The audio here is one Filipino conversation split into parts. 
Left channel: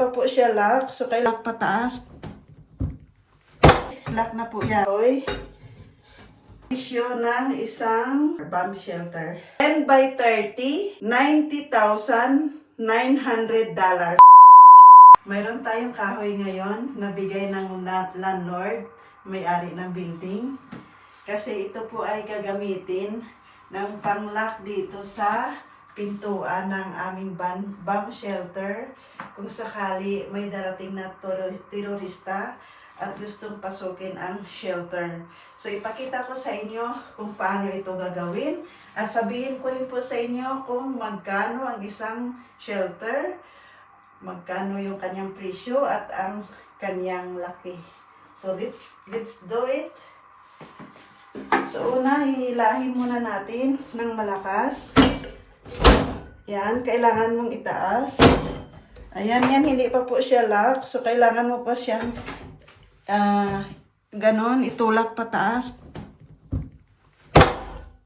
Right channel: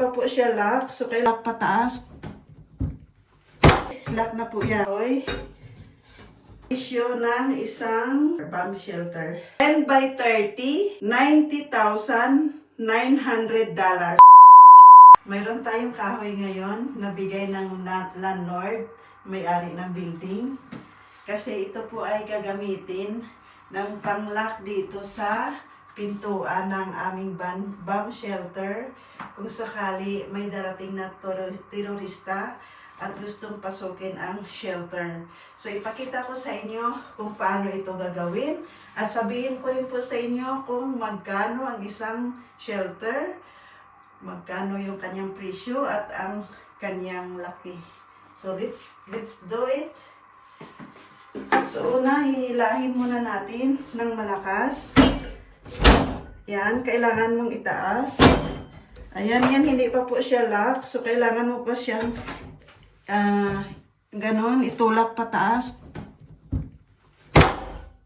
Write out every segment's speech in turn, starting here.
pa po siya lock. So, kay lock pataas. Lock na po yan. Oy. Issue ng isang bomb shelter. 10 by 30, $90,900. Mayroon tayong kahoy ngayon na bigay ng landlord, may-ari ng building. Kasi ito po ay gagamitin ng panglock dito sa pintuan ng aming bomb shelter kung sakali may darating na terorista at gustong pasukin ang shelter. So ipakita ko sa inyo kung paano ito gagawin at sabihin ko rin po sa inyo kung magkano ang isang shelter, magkano yung kanyang presyo at ang kanyang laki. So let's let's do it. So una, hihilahin muna natin ng malakas. Yan, kailangan mong itaas. Ayan, yan, hindi pa po siya lock. So, kailangan mo pa siyang ah ganon, itulak pataas.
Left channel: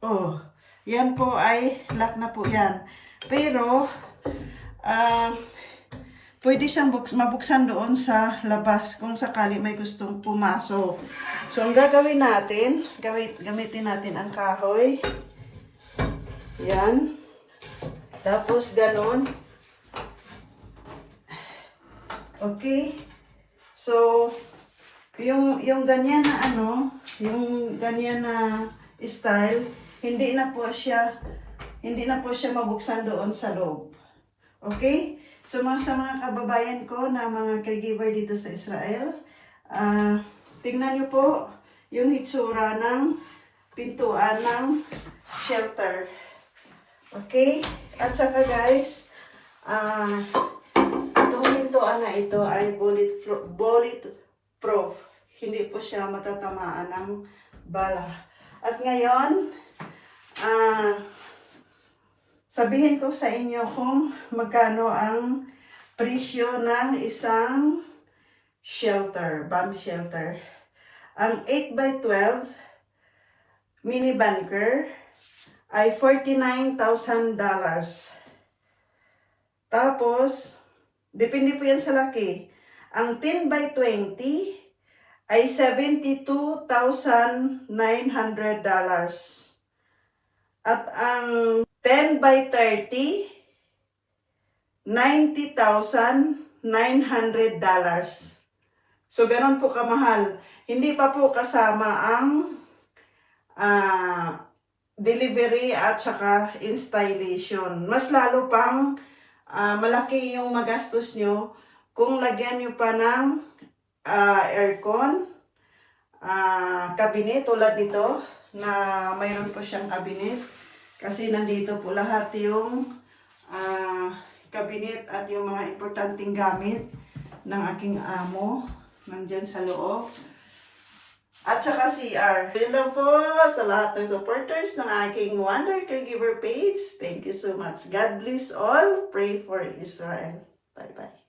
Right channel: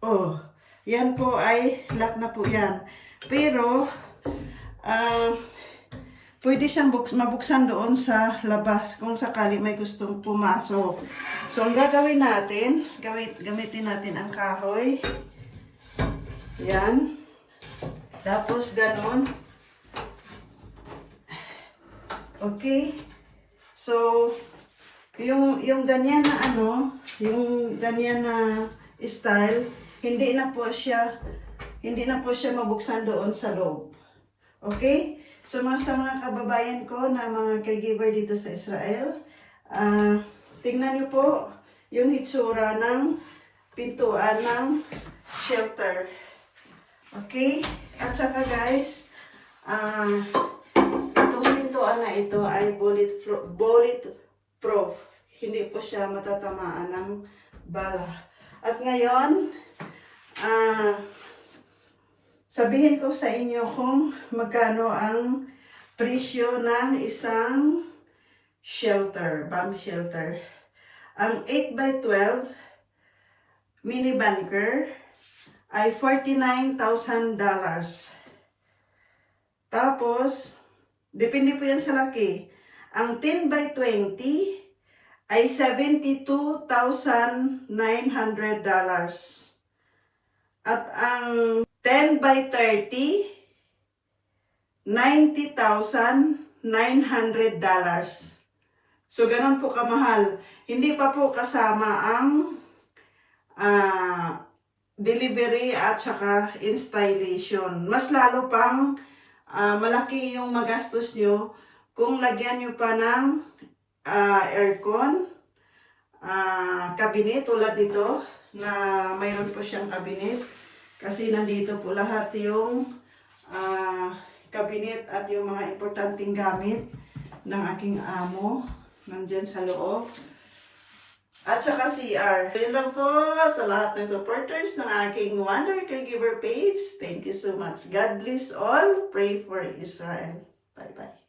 Oh, yan po ay lock na po yan. Pero, ah pwede siyang buks, mabuksan doon sa labas kung sakali may gustong pumasok. So, ang gagawin natin, gamit, gamitin natin ang kahoy. Yan. Tapos, ganon. Okay. So, yung, yung ganyan na ano, yung ganyan na style, hindi na po siya, hindi na po siya mabuksan doon sa loob. Okay? So, mga sa mga kababayan ko na mga caregiver dito sa Israel, ah tingnan niyo po yung hitsura ng pintuan ng shelter. Okay? At saka guys, ah itong pintuan na ito ay bullet, bullet. Hindi po siya matatamaan ng bala. At ngayon, ah sabihin ko sa inyo kung magkano ang presyo ng isang shelter, bomb shelter. Ang 8 by 12 mini bunker ay $49,000. Tapos, depende po yan sa laki. Ang 10 by 20 ay $72,900. At ang 10 by 30, $90,900. So, ganun po kamahal. Hindi pa po kasama ang ah, delivery at saka installation. Mas lalo pang ah, malaki yung magastos nyo kung lagyan nyo pa ng ah, aircon, ah, cabinet tulad nito na mayroon po siyang cabinet kasi nandito po lahat yung ah, cabinet at yung mga importanteng gamit ng aking amo nandyan sa loob. At saka CR. Lang po sa lahat ng supporters ng aking Wonder Caregiver page. Thank you so much. God bless all. Pray for Israel. Bye-bye.